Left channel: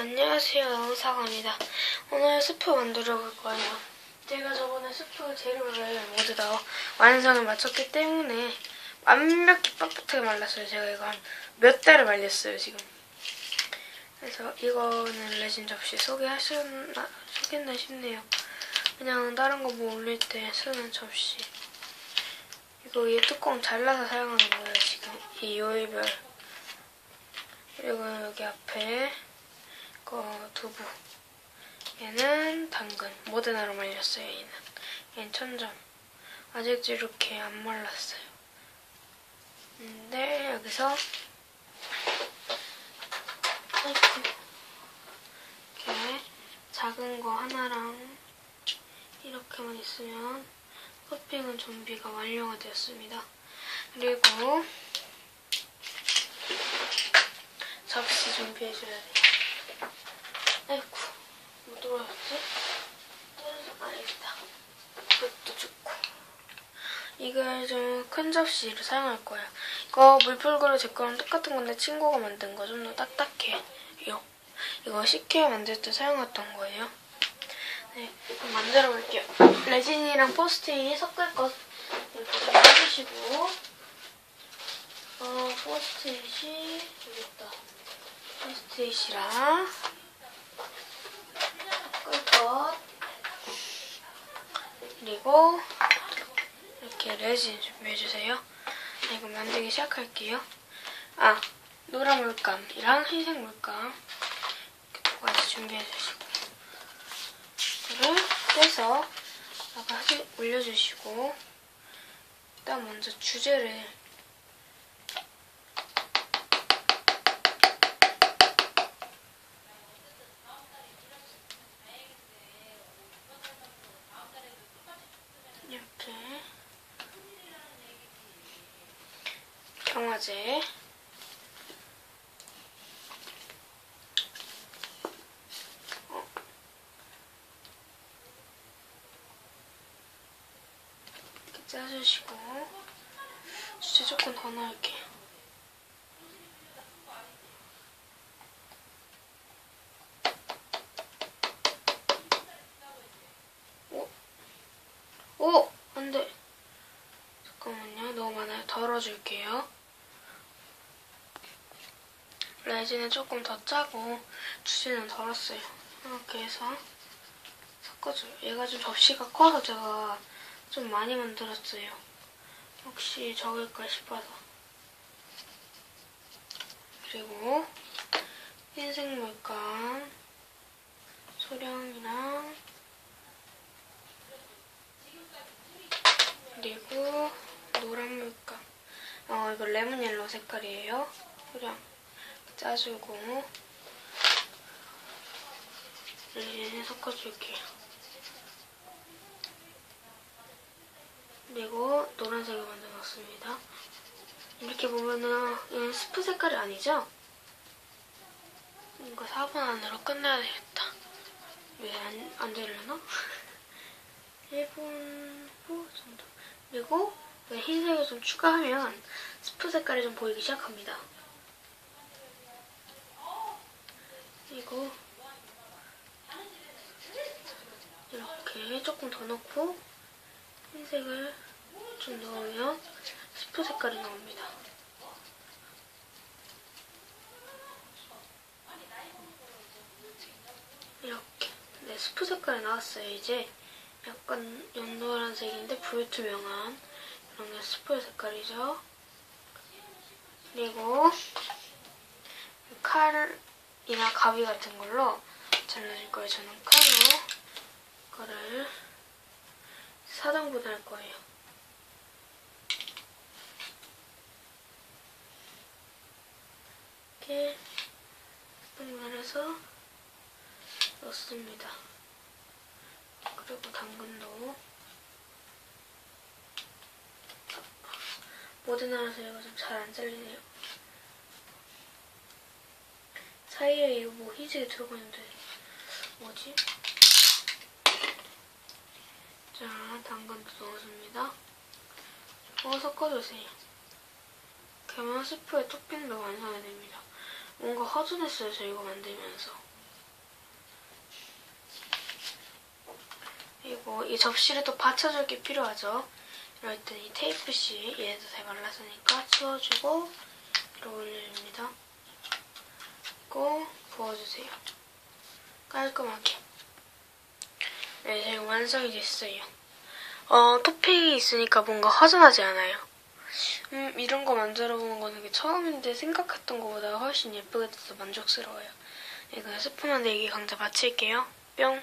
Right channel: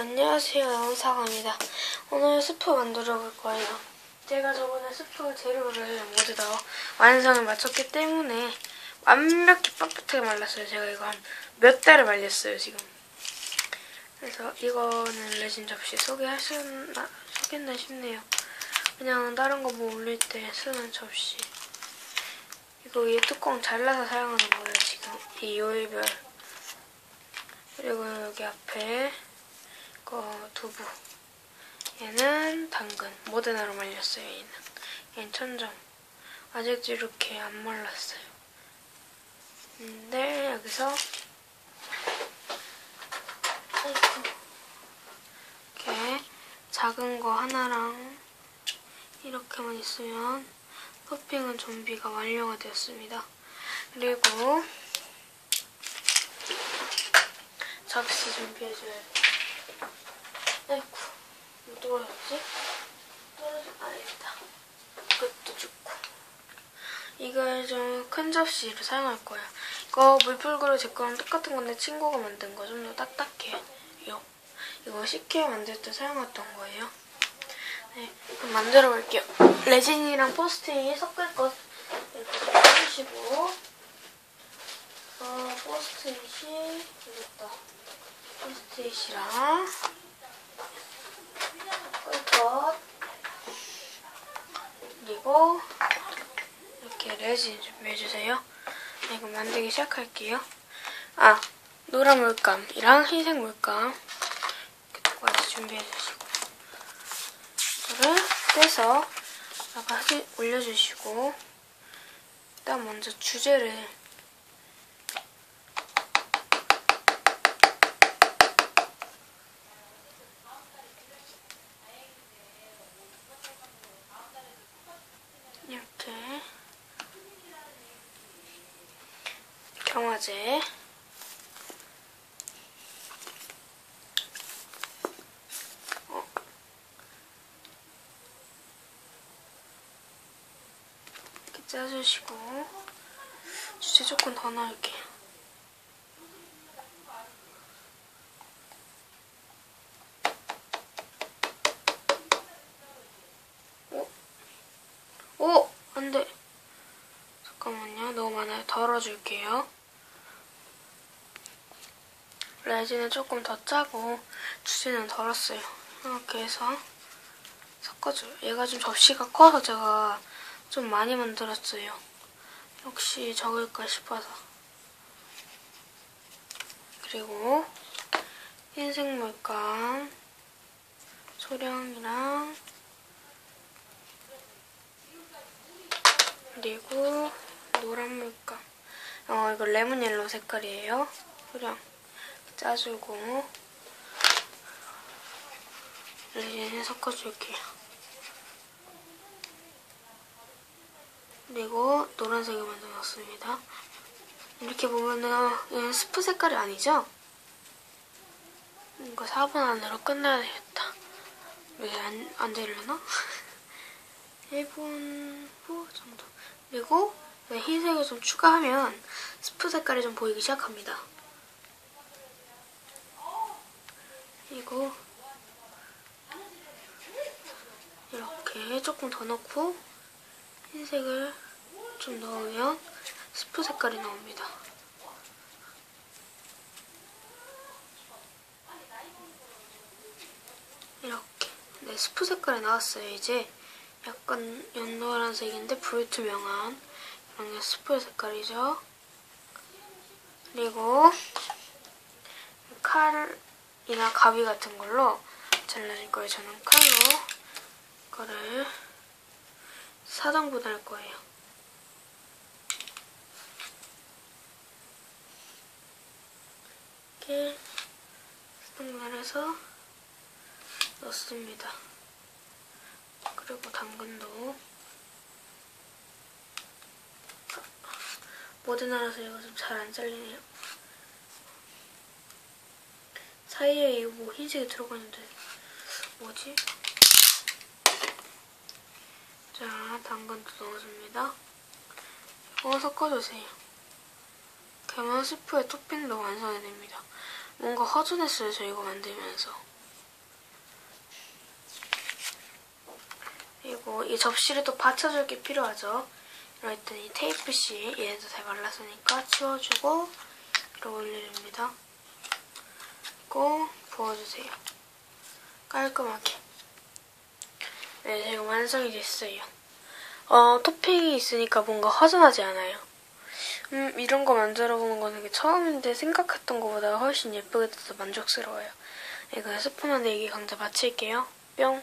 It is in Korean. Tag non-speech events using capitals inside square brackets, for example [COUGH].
안녕하세요. 사과입니다. 오늘 스프 만들어 볼 거예요. 제가 저번에 스프 재료를 모두 다 완성을 마쳤기 때문에 완벽히 빳빳하게 말랐어요. 제가 이거 한 몇 달을 말렸어요 지금. 그래서 이거는 레진 접시 소개하셨나 소개했나 싶네요. 그냥 다른 거 뭐 올릴 때 쓰는 접시. 이거 위에 뚜껑 잘라서 사용하는 거예요 지금. 이 요일별. 그리고 여기 앞에 거 두부. 얘는 당근. 모데나로 말렸어요, 얘는. 얘는 천점. 아직도 이렇게 안 말랐어요. 근데 여기서 이렇게 작은 거 하나랑 이렇게만 있으면 토핑은 준비가 완료가 되었습니다. 그리고 접시 준비해줘야 돼요. 아이고, 뭐? 떨어져, 아, 여기다. 이것도 좋고. 이걸 좀 큰 접시를 사용할 거예요. 이거 물풀그릇 제 거랑 똑같은 건데 친구가 만든 거 좀 더 딱딱해요. 이거 식혜 만들 때 사용했던 거예요. 네, 그럼 만들어 볼게요. 레진이랑 포스트잇 섞을 것 이렇게 좀 해주시고, 어, 포스트잇이, 여기 있다. 포스트잇이랑, 그리고 이렇게 레진 준비해주세요. 네, 이거 만들기 시작할게요. 아, 노란 물감이랑 흰색 물감 이렇게 두 가지 준비해주시고 이거를 떼서 여기다가 올려주시고 일단 먼저 주제를 이렇게 경화제 어. 이렇게 짜주시고 주제 조금 더 넣을게요. 너무 많아요. 덜어줄게요. 레진은 조금 더 짜고 주지는 덜었어요. 이렇게 해서 섞어줘요. 얘가 좀 접시가 커서 제가 좀 많이 만들었어요. 혹시 적을까 싶어서. 그리고 흰색 물감 소량이랑 그리고 노란 물감. 어, 이거 레몬 옐로우 색깔이에요. 소량 짜주고 레진 섞어줄게요. 그리고 노란색을 만들어놨습니다. 이렇게 보면은 얘는 스프 색깔이 아니죠? 이거 4분 안으로 끝나야 되겠다. 왜 안, 안 되려나? [LAUGHS] 1분 후 정도. 그리고 흰색을 좀 추가하면 스프 색깔이 좀 보이기 시작합니다. 그리고 이렇게 조금 더 넣고 흰색을 좀 넣으면 스프 색깔이 나옵니다. 이렇게 네 스프 색깔이 나왔어요. 이제 약간 연노란색인데 불투명한 이런 게 스프 색깔이죠. 그리고 칼 이나 가위 같은 걸로 잘라줄 거예요. 저는 칼로 이거를 사등분 할 거예요. 이렇게 사등분을 해서 넣습니다. 그리고 당근도 모데나라서 이거 좀 잘 안 잘리네요. 사이에 이거 흰색이 들어가 있는데 뭐지? 자, 당근도 넣어줍니다. 어, 섞어주세요. 계면 스프의 토핑도 완성이 됩니다. 뭔가 허전했어요, 저 이거 만들면서. 그리고 이 접시를 또 받쳐줄 게 필요하죠. 이럴 때 이 테이프씨, 얘도 잘 말랐으니까 치워주고 이렇게 올려줍니다. 그리고 부어주세요. 깔끔하게. 네, 지금 완성이 됐어요. 어, 토핑이 있으니까 뭔가 허전하지 않아요. 음, 이런 거 만들어 보는 거는 처음인데 생각했던 것보다 훨씬 예쁘게 돼서 만족스러워요. 네, 그럼 스프 만들기 강좌 마칠게요. 뿅.